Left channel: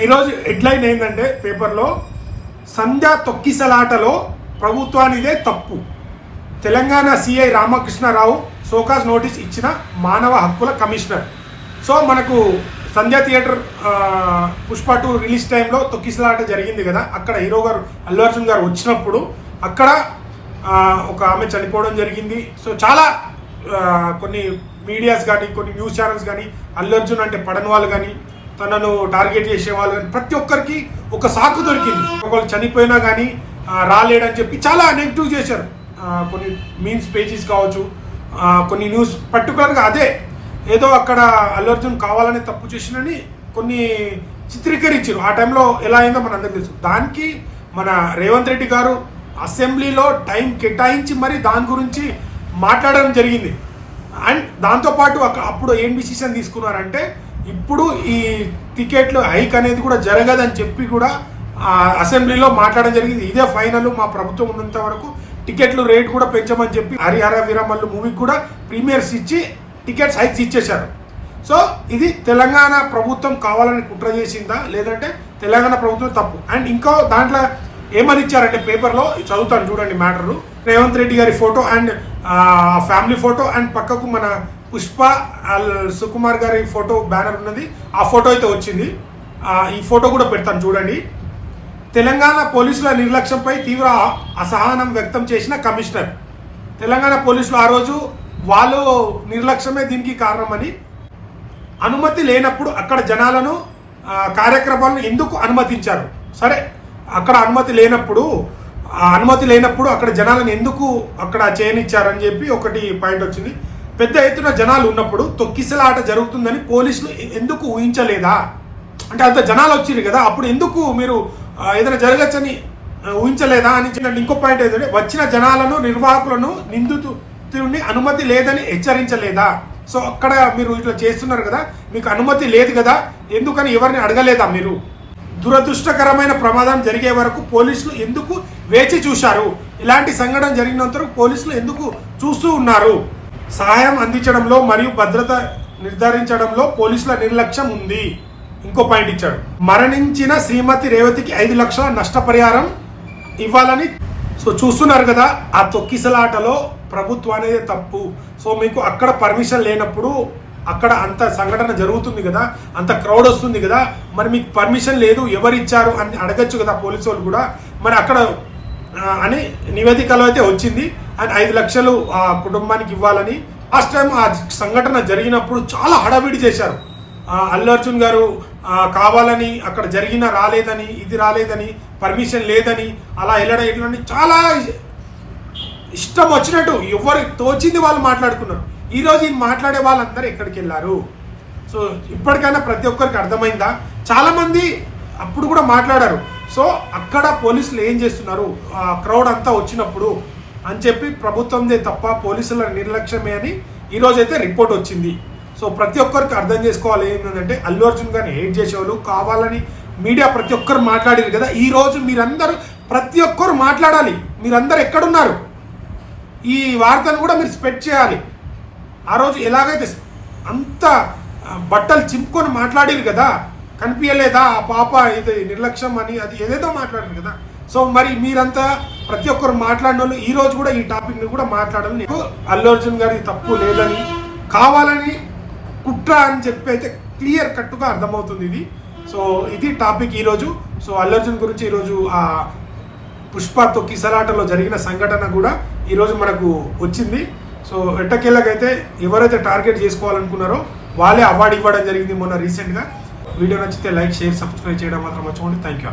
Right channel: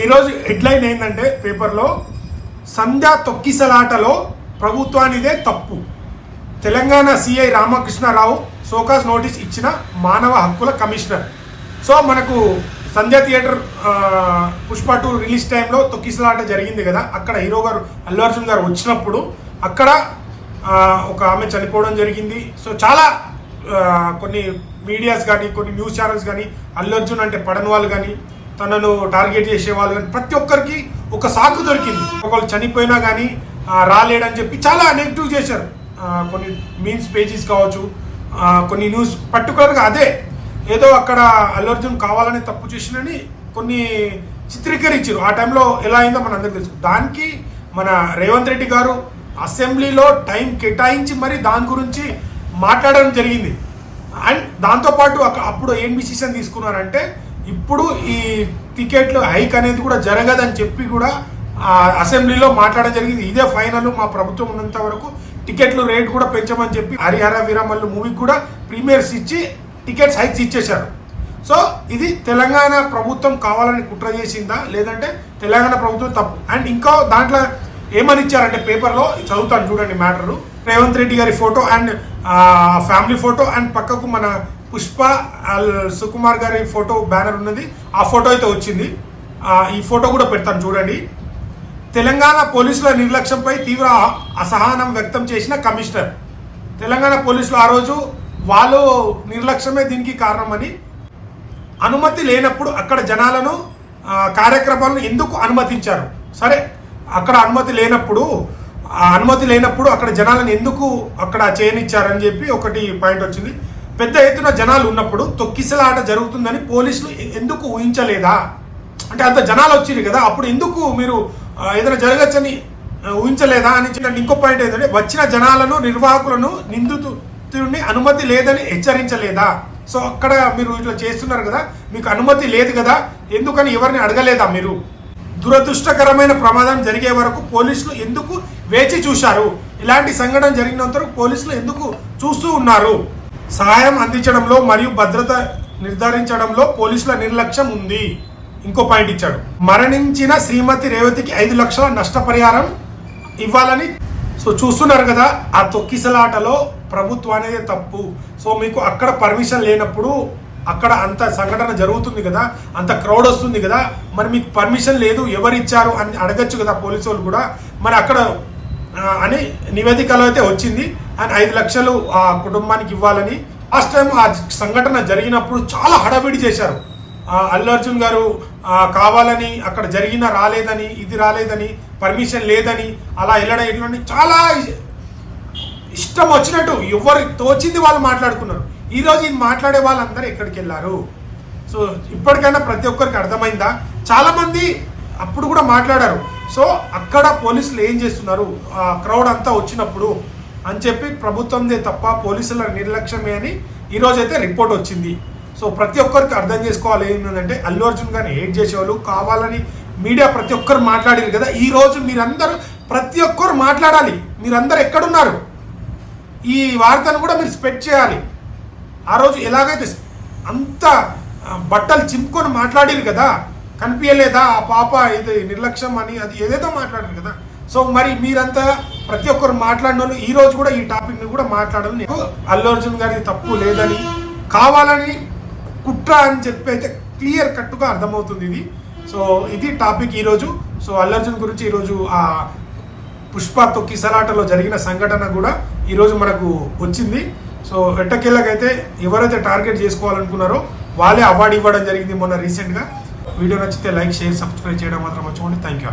ఈరోజు హెడ్లైన్ ఏంటంటే పేపర్లో సంధ్య తొక్కిసలాటలో ప్రభుత్వానిదే తప్పు. Telangana CI Ramakrishna Rao show cause notice ఇచ్చిన మానవ హక్కుల కమిషనర్. సో మనకు సంధ్య థియేటర్ పుష్ప 2 రిలీజ్ టైంలో తొక్కిసలాట జరిగింది కదా. అక్కడ హీరో గారు అల్లు అర్జున్ గారు వచ్చినప్పుడు అక్కడ ఒక ఆమె చనిపోవడం జరిగింది. సో చాలా కొన్ని మీడియాస్ కానీ కొన్ని న్యూస్ ఛానల్స్ కానీ అల్లు అర్జున్ అంటే పడని వాళ్ళు కానీ తనను టార్గెట్ చేసే వాళ్ళు కానీ ప్రతి ఒక్కరికి ఒక సాకు దొరికింది. ఒకళ్ళు చనిపోయినా కానీ రాలేడని చెప్పి చాలా నెగిటివ్ చేశారు. కొన్ని మీమ్స్ పేజెస్ కావచ్చు, కొన్ని న్యూస్ పర్టికులర్గా అదే ఏదో అక్కడ అల్లు అర్జున్ కావాలని తప్పు చేసినని కొన్ని చిత్రీకరించారు. ఆ టైంలో ఎలా అయిందో మన అందరికీ తెలుసు. దానికి మన రేవంత్ రెడ్డి గారు అసెంబ్లీలో టైం కేటాయించి మరి దాని గురించి మాట్లాడడం జరిగింది. అండ్ దాంతోపాటు అప్పుడు ఏం డిసిషన్ తీసుకున్నారంటే ఇప్పుడు ఈ టికెట్లు హైక్ అనేది కూడా జరగదని చెప్పి కూడా అసెంబ్లీలో మాట్లాడడం జరిగింది. ఇదే ఫైనల్, మా ప్రభుత్వం ఉన్నంత వరకు టికెట్లు రేట్ కూడా పెంచమని చెప్పి హరిహర వీరమల్లు మూవీకి కూడా ప్రీమియర్స్ ఇచ్చి టికెట్స్ హైక్స్ ఇచ్చేశారు. సో ఇది తెలంగాణ ప్రభుత్వం కావాలని కుట్ర చేసిందా లేదంటే తెలంగాణ ప్రభుత్వం తప్పు. అండ్ ఇంకో దాంట్లో ఏమని ఇచ్చారంటే పేపర్లో చదువుతాను చూడండి మ్యాటరు. రేవంత్ రెడ్డి గారి photo and family photo and పక్కకు మన పుష్ప సుకుమార్ గారి ఫోటో బ్యానర్ ఉన్నది. ఆ ఫోటో అయితే వచ్చింది. ఈ ఫోటో కూడా పెడతాను చూడండి. తెలంగాణ పోలీసుల నిర్లక్ష్యంపై తీవ్ర అసహనం వ్యక్తం చేసిన కమిషనర్. తెలంగాణ పోలీసులు ఆ రోజు వాళ్ళు నిర్లక్ష్యమే దీనికి కారణమని, అనుమతి లేనప్పుడు అక్కడ జనాలను కార్యక్రమాలను ఎందుకు అనుమతించారు? సరే, అక్కడ అనుమతి లేనప్పుడు అక్కడ జనాలను ఎందుకు అక్కడ చేయనిచ్చారని చెప్పి ఒకటి పాయింట్ వచ్చింది. పెద్ద ఎత్తున జనాలు ఉన్నప్పుడు తొక్కిసలాట జరుగుతుందని పోలీసులు ఎందుకు ఊహించలేదా? అంటే అంత జనాలు వచ్చింది కదా, అప్పుడు ఎందుకు మీరు ఏదైనా జరగచ్చని ఊహించలేదా అని. ఇంకో పాయింట్ ఏంటంటే వచ్చిన జనాలను నిర్వాహకులను నిందితుడిని అనుమతి లేదని హెచ్చరించలేదా? సో అక్కడ మీరు ఇట్లా చేస్తున్నారు కదా, మీకు అనుమతి లేదు కదా, ఎందుకని ఎవరిని అడగలేదా మీరు? దురదృష్టకరమైన ప్రమాదం జరిగే వరకు పోలీసులు ఎందుకు వేచి చూశారు? ఇలాంటి సంఘటన జరిగినంత వరకు పోలీసులు ఎందుకు చూస్తూ ఉన్నారు? సహాయం అందించడంలో మరియు భద్రత నిర్ధారించడంలో పోలీసుల నిర్లక్ష్యం ఉంది. ఇంకో పాయింట్ ఇచ్చాడు. మరణించిన శ్రీమతి రేవతికి 5 లక్షల నష్టపరిహారం ఇవ్వాలని. సో చూస్తున్నారు కదా, ఆ తొక్కిసలాటలో ప్రభుత్వం అనేది తప్పు. సో మీకు అక్కడ పర్మిషన్ లేనప్పుడు అక్కడ అంత సంఘటన జరుగుతుంది కదా, అంత క్రౌడ్ వస్తుంది కదా, మరి మీకు పర్మిషన్ లేదు ఎవరు ఇచ్చారు అని అడగచ్చు కదా పోలీసు వాళ్ళు కూడా. మరి అక్కడ అని నివేదికలో అయితే వచ్చింది. అండ్ 5 లక్షలు ఆ కుటుంబానికి ఇవ్వాలని. లాస్ట్ టైం ఆ సంఘటన జరిగినప్పుడు చాలా హడావిడి చేశారు. అల్లు అర్జున్ గారు కావాలని అక్కడ జరిగిన రాలేదని, ఇది రాలేదని, పర్మిషన్ లేదని, అలా వెళ్ళడం ఇట్లని చాలా ఇష్టం వచ్చినట్టు ఎవరు తోచింది వాళ్ళు మాట్లాడుకున్నారు. ఈరోజు ఇది మాట్లాడే వాళ్ళందరూ ఎక్కడికి వెళ్ళారు? సో ఇప్పటికైనా ప్రతి ఒక్కరికి అర్థమైందా? చాలా మంది అప్పుడు కూడా మాట్లాడారు. సో అక్కడ పోలీసులు ఏం చేస్తున్నారు ఆ క్రౌడ్ అంతా వచ్చినప్పుడు అని చెప్పి ప్రభుత్వందే తప్ప పోలీసుల నిర్లక్ష్యమే అని ఈరోజు అయితే రిపోర్ట్ వచ్చింది. సో ప్రతి ఒక్కరికి అర్థం చేసుకోవాలి ఏంటంటే అల్లు అర్జున్ గారిని హేట్ చేసేవాళ్ళు కావాలని మీడియా ప్రతి ఒక్కరు మాట్లాడారు కదా. ఈరోజు మీరందరూ ప్రతి ఒక్కరు మాట్లాడాలి. మీరందరూ ఎక్కడున్నారు? ఈ వార్తను కూడా మీరు స్ప్రెడ్ చేయాలి. ఆ రోజు ఎలాగైతే అంత బట్టలు చింపుకొని మాట్లాడారు కదా, కనిపించలేదా ఆ పాప ఇది నిర్లక్ష్యం అని, అది ఏదేదో మాట్లాడారు కదా. సో మరి మీరంతా ప్రతి ఒక్కరు మాట్లాడిన వాళ్ళు ఈ రోజు కూడా ఈ టాపిక్ని కూడా మాట్లాడాలి. అల్లు అర్జున్ గారి తప్పు లేదని, కావాలని కుట్ర అని చెప్పి అయితే క్లియర్ కట్గా అర్థమవుతుంది ఇది. సో ఇది టాపిక్ ఈరోజు. సో అల్లు అర్జున్ గురించి ఈరోజు ఆ పుష్ప తొక్కిసలాటలో జరిగిన సంఘటన కూడా ఈరోజు మనకు వచ్చింది. సో ఎట్టకేళ్ళకైతే ఎవరైతే టార్గెట్ చేసుకోవాలనుకున్నారో వాళ్ళే అవార్డు ఇవ్వడం జరిగింది మొన్న రీసెంట్గా. వీడియో నచ్చితే లైక్, షేర్, సబ్స్క్రైబ్ చేయడం మాత్రం మర్చిపోండి. Thank you.